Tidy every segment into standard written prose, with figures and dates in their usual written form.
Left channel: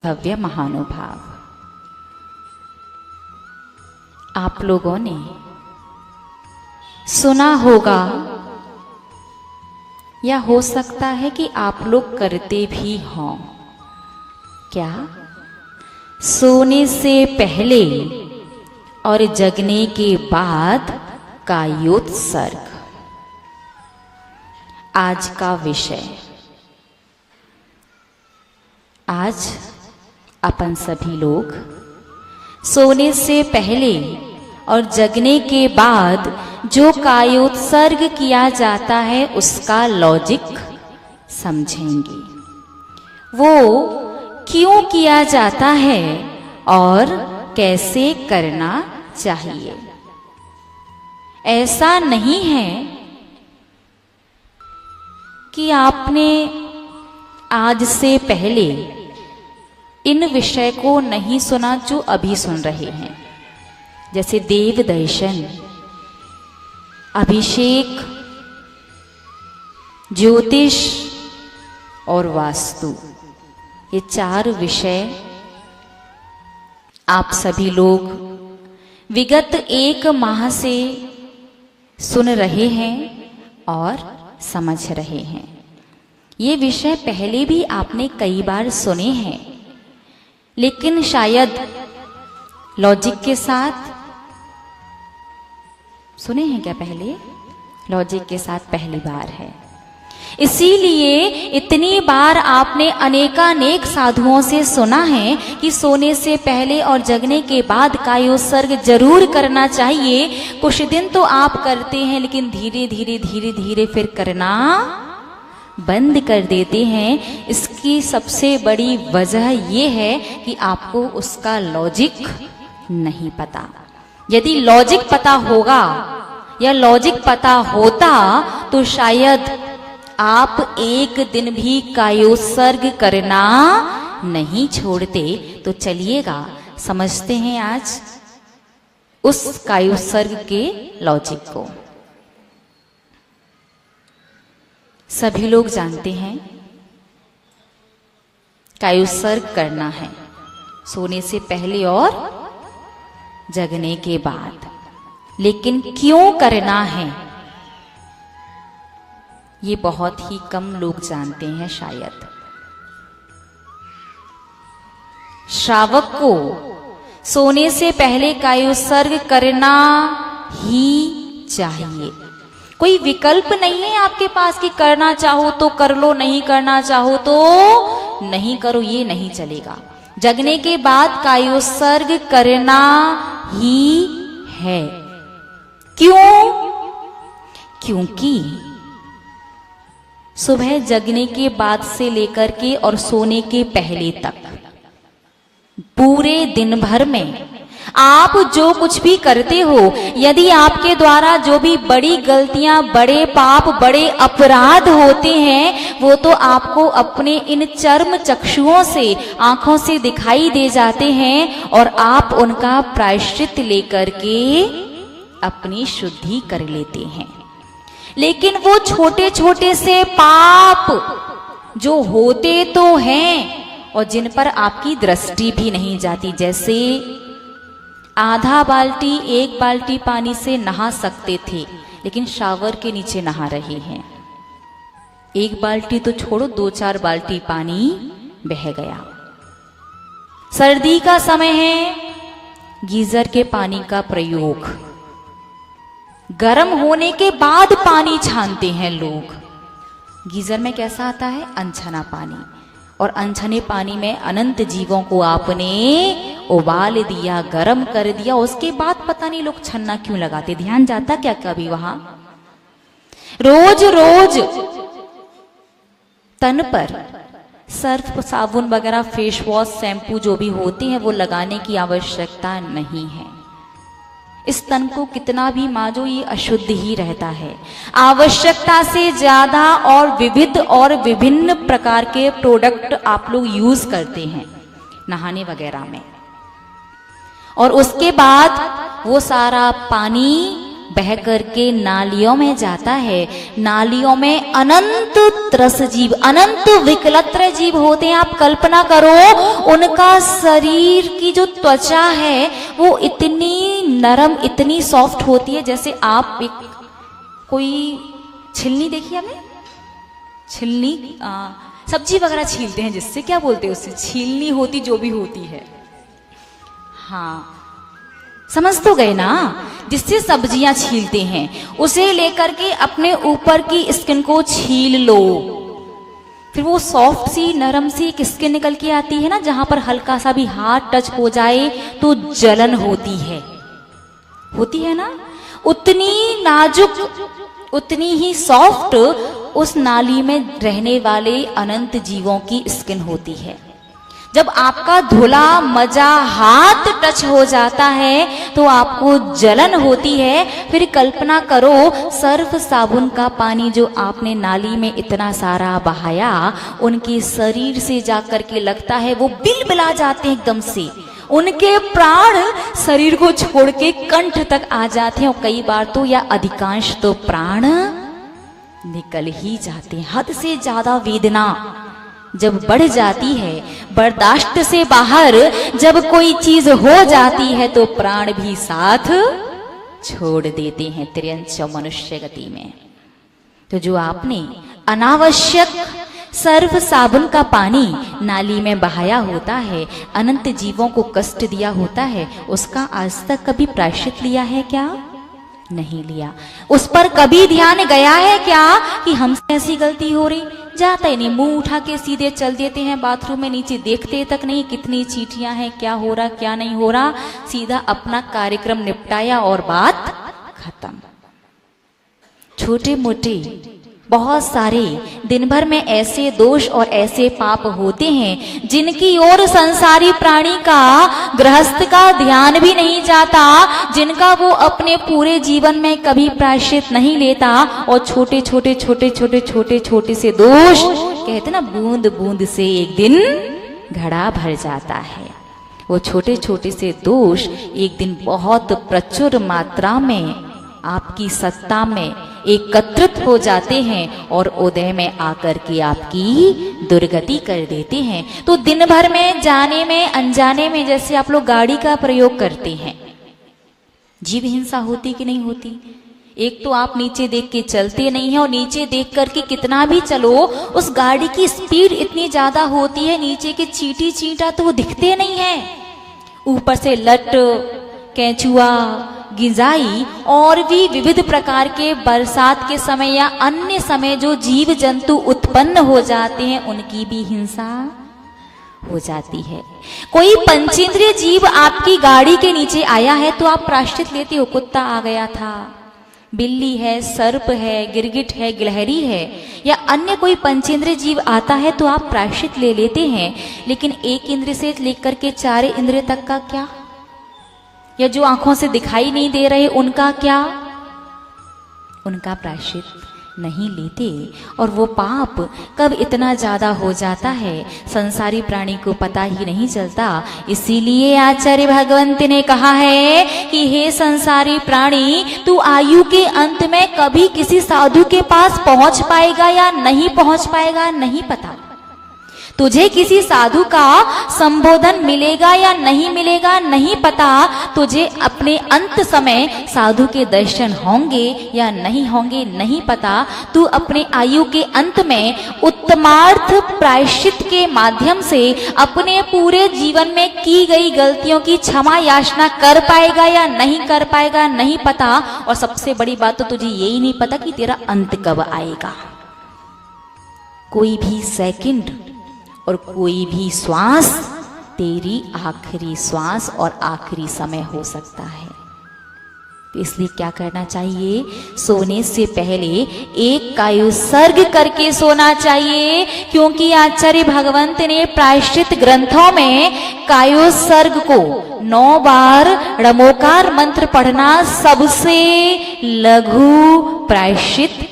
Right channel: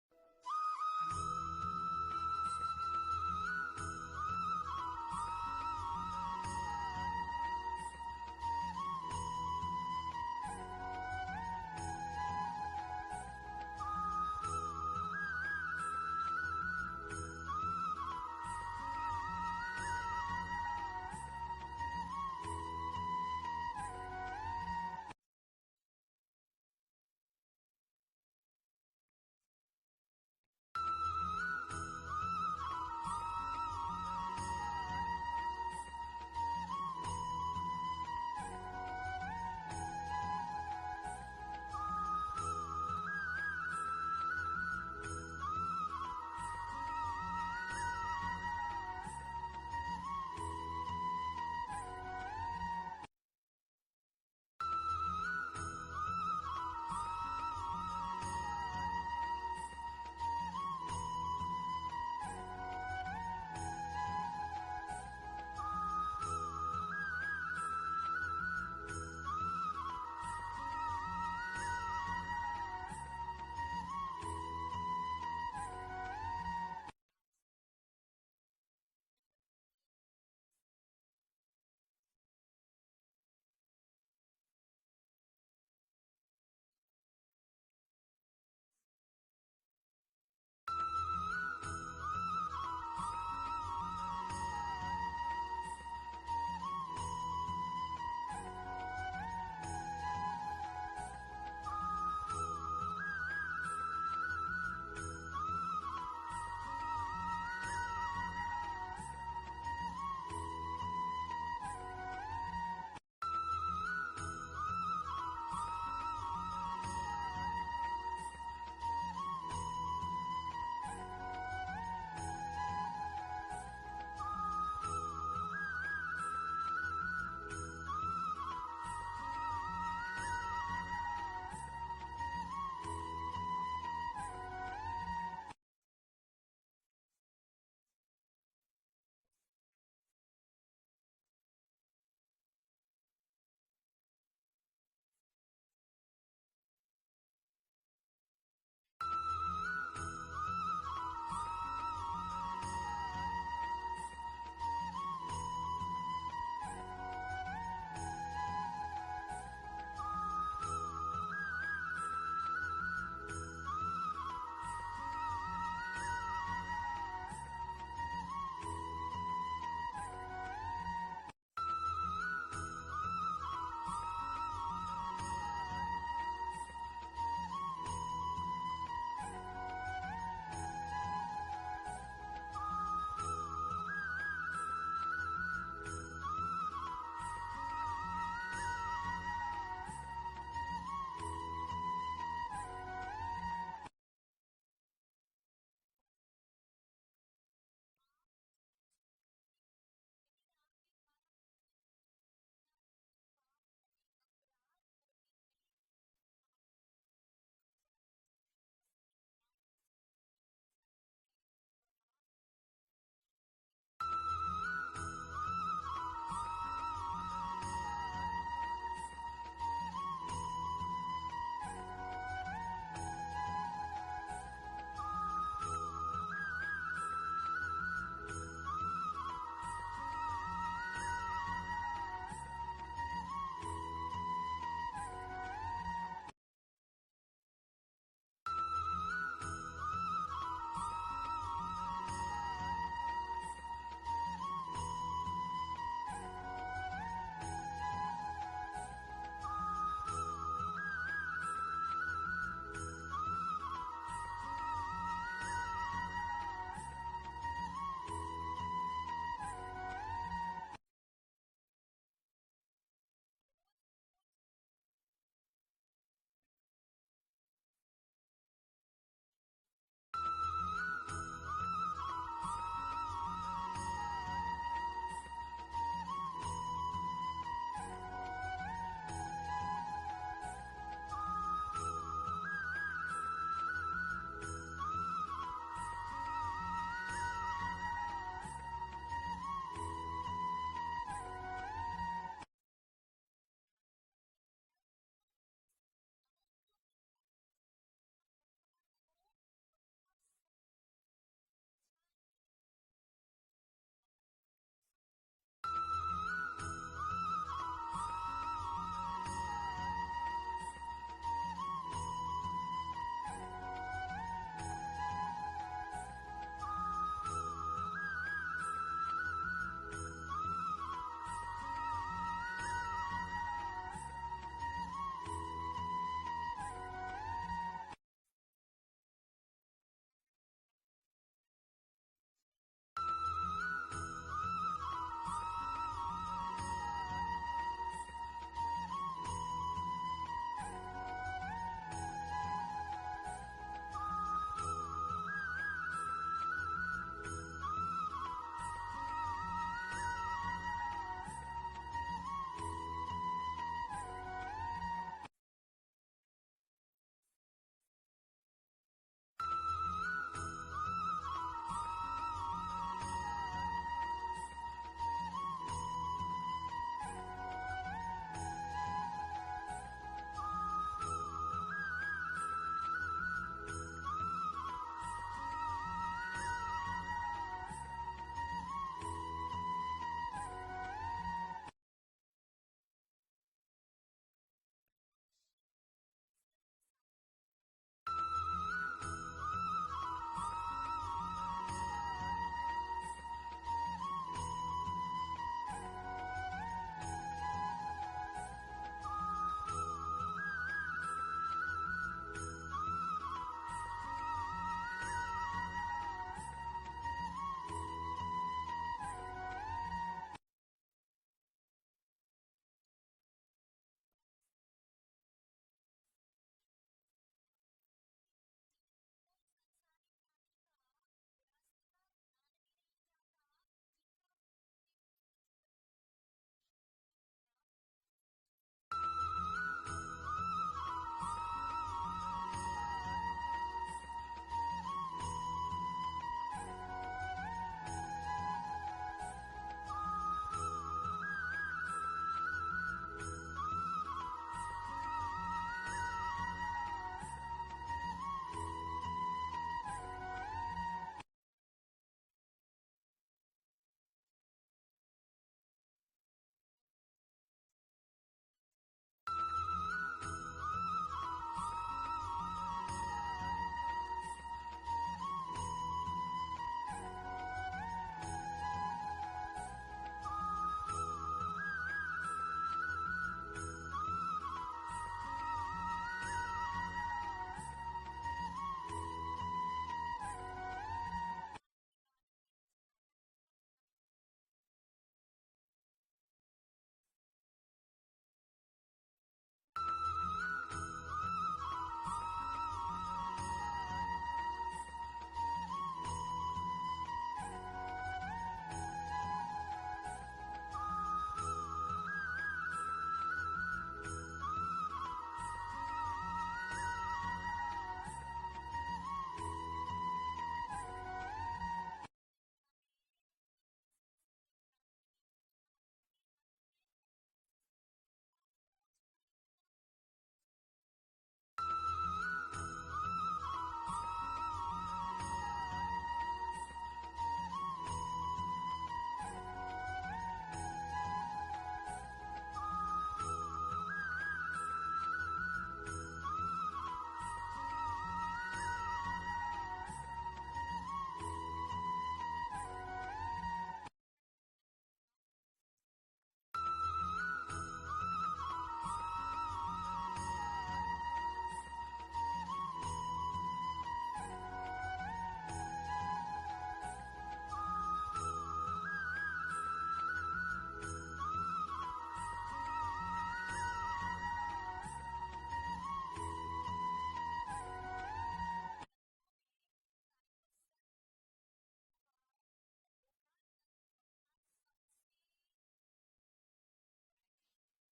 भव्य महानुभाव, आप लोगों ने सुना होगा या हो सकता है कि आप लोग करते भी हों। क्या? सोने से पहले और जगने के बाद कायोत्सर्ग आज का विषय। आज अपन सभी लोग सोने से पहले और जगने के बाद जो कायोत्सर्ग किया जाता है उसका लॉजिक समझेंगे। वो क्यों किया जाता है और कैसे करना चाहिए। ऐसा नहीं है कि आपने आज से पहले इन विषय को नहीं सुना जो अभी सुन रहे हैं, जैसे देव दर्शन, अभिषेक, ज्योतिष और वास्तु। ये चार विषय आप सभी लोग विगत 1 माह से सुन रहे हैं और समझ रहे हैं। ये विषय पहले भी आपने कई बार सुने हैं, लेकिन शायद लॉजिक के साथ सुने हैं क्या? पहले लॉजिक के साथ पहली बार है। इसीलिए इतनी बार आपने अनेकानेक साधुओं से सुना है कि सोने से पहले और जगने के बाद कायोत्सर्ग जरूर करना चाहिए। कुछ दिन तो आप करते हैं, लेकिन धीरे धीरे फिर करना बंद कर देते हैं। इसकी सबसे बड़ी वजह यह है कि आपको उसका लॉजिक नहीं पता। यदि लॉजिक पता होगा या लॉजिक पता होता तो शायद आप एक दिन भी कायोत्सर्ग करना नहीं छोड़ते। तो चलिएगा समझते हैं आज उस कायोत्सर्ग के लॉजिक को। सभी लोग जानते हैं कायोत्सर्ग करना है सोने से पहले और जगने के बाद, लेकिन क्यों करना है ये बहुत ही कम लोग जानते हैं। शायद श्रावक को सोने से पहले कायोत्सर्ग करना ही चाहिए। कोई विकल्प नहीं है आपके पास कि करना चाहो तो कर लो, नहीं करना चाहो तो नहीं करो, ये नहीं चलेगा। जगने के बाद कायोत्सर्ग करना ही है। क्यों? क्योंकि सुबह जगने के बाद से लेकर के और सोने के पहले तक पूरे दिन भर में आप जो कुछ भी करते हो, यदि आपके द्वारा जो भी बड़ी गलतियां, बड़े पाप, बड़े अपराध होते हैं, वो तो आपको अपने इन चर्म चक्षुओं से, आंखों से दिखाई दे जाते हैं और आप उनका प्रायश्चित लेकर के अपनी शुद्धि कर लेते हैं। लेकिन वो छोटे छोटे से पाप जो होते तो हैं और जिन पर आपकी दृष्टि भी नहीं जाती, जैसे आधा बाल्टी 1 बाल्टी पानी से नहा सकते थे, लेकिन शावर के नीचे नहा रहे हैं। 1 बाल्टी तो छोड़ो, 2-4 बाल्टी पानी बह गया। सर्दी का समय है, गीजर के पानी का प्रयोग, गर्म होने के बाद पानी छानते हैं लोग। गीजर में कैसा आता है? अनछना पानी, और अनछने पानी में अनंत जीवों को आपने उबाल दिया, गर्म कर दिया। उसके बाद पता नहीं लोग छन्ना क्यों लगाते, ध्यान जाता क्या कभी वहां? रोज रोज तन पर सर्फ, साबुन वगैरह, फेस वॉश, शैम्पू जो भी होते हैं वो लगाने की आवश्यकता नहीं है। इस तन को कितना भी मांजो ये अशुद्ध ही रहता है। आवश्यकता से ज्यादा और विविध और विभिन्न प्रकार के प्रोडक्ट आप लोग यूज करते हैं नहाने वगैरह में, और उसके बाद वो सारा पानी बह करके नालियों में जाता है। नालियों में अनंत त्रस जीव, अनंत विकलत्र जीव होते हैं। आप कल्पना करो, उनका शरीर की जो त्वचा है वो इतनी नरम, इतनी सॉफ्ट होती है, जैसे आप एक कोई छिलनी देखी आपने, छिलनी सब्जी वगैरह छीलते हैं जिससे, क्या बोलते हैं उससे, छीलनी होती जो भी होती है, हाँ समझ तो गए ना, जिससे सब्जियां छीलते हैं, उसे लेकर के अपने ऊपर की स्किन को छील लो, फिर वो सॉफ्ट सी नरम सी एक स्किन निकल के आती है ना, जहां पर हल्का सा भी हाथ टच हो जाए तो जलन होती है ना, उतनी नाजुक, उतनी ही सॉफ्ट उस नाली में रहने वाले अनंत जीवों की स्किन होती है। जब आपका धुला मजा हाथ टच हो जाता है तो आपको जलन होती है। फिर कल्पना करो, सर्फ साबुन का पानी जो आपने नाली में इतना सारा बहाया, उनके शरीर से जाकर के लगता है वो बिलबिला जाते हैं एकदम से, उनके प्राण शरीर को छोड़ के कंठ तक आ जाते हैं, और कई बार तो या अधिकांश तो प्राण निकल ही जाते हैं। हद से ज्यादा वेदना जब बढ़ जाती है, बर्दाश्त से बाहर जब कोई चीज हो जाती है तो प्राण भी साथ छोड़ देते हैं त्रियंच मनुष्य गति में। तो जो आपने अनावश्यक सर्फ साबुन का पानी नाली में बहाया होता है, अनंत जीवों को कष्ट दिया होता है, उसका आज तक कभी प्रायश्चित लिया है क्या? नहीं लिया। उस पर कभी ध्यान गया है क्या कि हमसे ऐसी गलती हो रही? जाता ही नहीं, मुंह उठा के सीधे चल देते हैं बाथरूम में, नीचे देखते तक नहीं कितनी चींटियां हैं, क्या हो रहा क्या नहीं हो रहा, सीधा अपना कार्यक्रम निपटाया और बात खत्म। छोटे मोटे बहुत सारे दिन भर में ऐसे दोष और ऐसे पाप होते हैं जिनकी ओर संसारी प्राणी का, गृहस्थ का ध्यान भी नहीं जाता, जिनका वो अपने पूरे जीवन में कभी प्रायश्चित नहीं लेता, और छोटे छोटे छोटे छोटे छोटे छोटे से दोष, कहते ना बूंद बूंद से एक दिन घड़ा भर जाता है। वो छोटे छोटे से दोष एक दिन बहुत प्रचुर मात्रा में आपकी सत्ता में एकत्रित हो जाते हैं और उदय में आकर के आपकी दुर्गति कर देते हैं। तो दिन भर में जाने में अनजाने में जैसे आप लोग गाड़ी का प्रयोग करते हैं, जीव हिंसा होती कि नहीं होती? एक तो आप नीचे देख के चलते नहीं है, और नीचे देख करके कितना भी चलो उस गाड़ी की स्पीड इतनी ज्यादा होती है, नीचे के चींटी चींटा तो वो दिखते नहीं है, ऊपर से लट, केंचुआ, गिजाई और भी विविध प्रकार के बरसात के समय या अन्य समय जो जीव जंतु उत्पन्न हो जाते हैं, उनकी भी हिंसा हो जाती है। कोई पंचेंद्रिय जीव आपकी गाड़ी के नीचे आया है तो आप प्रायश्चित लेते हो, कुत्ता आ गया था, बिल्ली है, सर्प है, गिरगिट है, गिलहरी है, या अन्य कोई पंचेंद्रिय जीव आता है तो आप प्रायश्चित ले लेते हैं। लेकिन एक इंद्र से लेकर के 4 इंद्रिय तक का क्या, या जो आंखों से दिखाई नहीं दे रहे उनका क्या? उनका प्रायश्चित नहीं लेते। और वो पाप कब इतना ज्यादा हो जाता है संसारी प्राणी को पता ही नहीं चलता। इसीलिए आचार्य भगवंत ने कहा है कि हे संसारी प्राणी, तू आयु के अंत में कभी किसी साधु के पास पहुंच पाएगा या नहीं पहुंच पाएगा नहीं पता। तुझे किसी साधु का संबोधन मिलेगा या नहीं मिलेगा नहीं पता। तुझे अपने अंत समय साधु के दर्शन होंगे या नहीं होंगे नहीं पता। तू अपने आयु के अंत में उत्तमार्थ प्रायश्चित के माध्यम से अपने पूरे जीवन में की गई गलतियों की क्षमा याचना कर पाएगा या नहीं कर पाएगा नहीं पता। और सबसे बड़ी बात तो तुझे यही नहीं पता कि तेरा अंत कब आएगा। कोई भी सेकंड और कोई भी श्वास तेरी आखिरी श्वास और आखिरी समय हो सकता है। तो इसलिए क्या करना चाहिए? सोने से पहले एक कायुसर्ग करके सोना चाहिए, क्योंकि आचार्य भगवंत ने प्रायश्चित ग्रंथों में कायुसर्ग को 9 बार णमोकार मंत्र पढ़ना सबसे लघु प्रायश्चित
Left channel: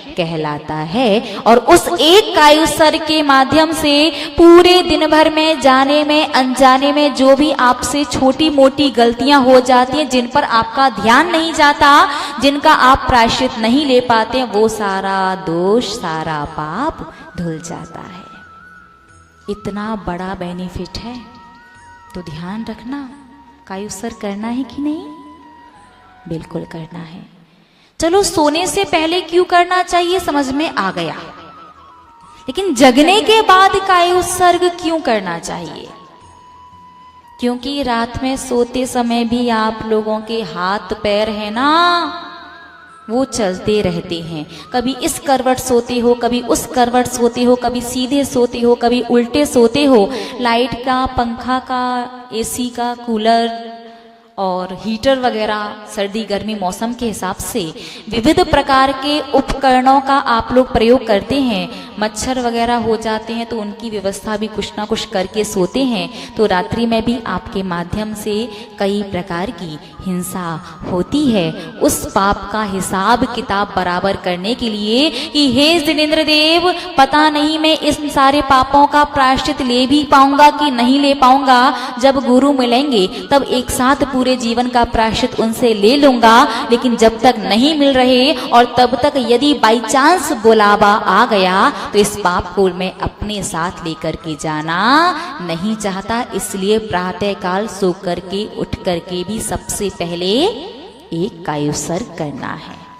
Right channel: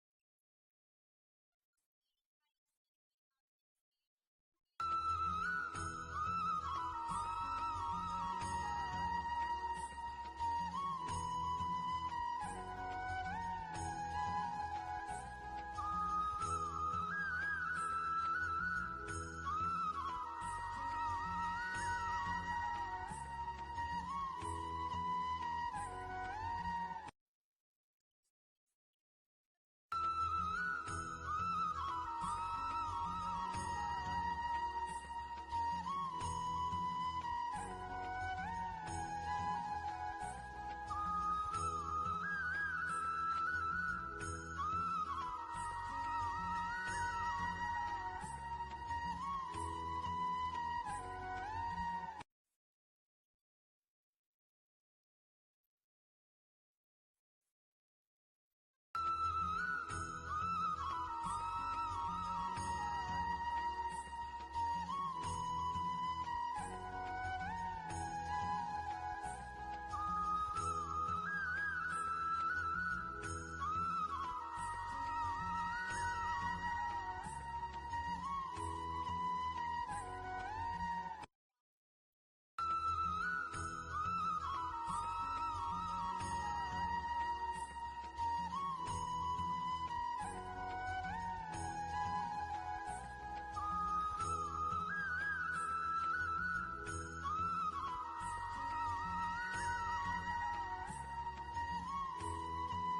कहलाता है। और उस एक कायुसर्ग के माध्यम से पूरे दिन भर में जाने में अनजाने में जो भी आपसे छोटी मोटी गलतियां हो जाती हैं, जिन पर आपका ध्यान नहीं जाता, जिनका आप प्रायश्चित नहीं ले पाते, वो सारा दोष सारा पाप धुल जाता है। इतना बड़ा बेनिफिट है, तो ध्यान रखना, कायुसर्ग करना है कि नहीं? बिल्कुल करना है। चलो, सोने से पहले क्यों करना चाहिए समझ में आ गया, लेकिन जगने के बाद कायुसर्ग क्यों करना चाहिए? क्योंकि रात में सोते समय भी आप लोगों के हाथ पैर है ना, वो चलते रहते हैं। कभी इस करवट सोते हो, कभी उस करवट सोते हो, कभी सीधे सोते हो, कभी उल्टे सोते हो। लाइट का, पंखा का, एसी का, कूलर और हीटर वगैरह सर्दी गर्मी मौसम के हिसाब से विविध प्रकार के उपकरणों का आप लोग प्रयोग करते हैं। मच्छर वगैरह हो जाते हैं तो उनकी व्यवस्था भी कुछ ना कुछ करके सोते हैं। तो रात्रि में भी आपके माध्यम से कई प्रकार की हिंसा होती है। उस पाप का हिसाब किताब बराबर करने के लिए कि हे जिनेंद्र देव, पता नहीं मैं इस सारे पापों का प्रायश्चित ले भी पाऊंगा कि नहीं ले पाऊंगा। जब गुरु मिलेंगे तब एक साथ पूरे जीवन का प्रायश्चित उनसे ले लूंगा, लेकिन जब तक नहीं मिल रहे और तब तक यदि बाई चांस बुलावा आ गया तो इस पाप को मैं अपने साथ लेकर के जाना नहीं चाहता। इसलिए प्रातः काल सो करके उठ करके भी सबसे पहले एक कायुसर्ग करना है।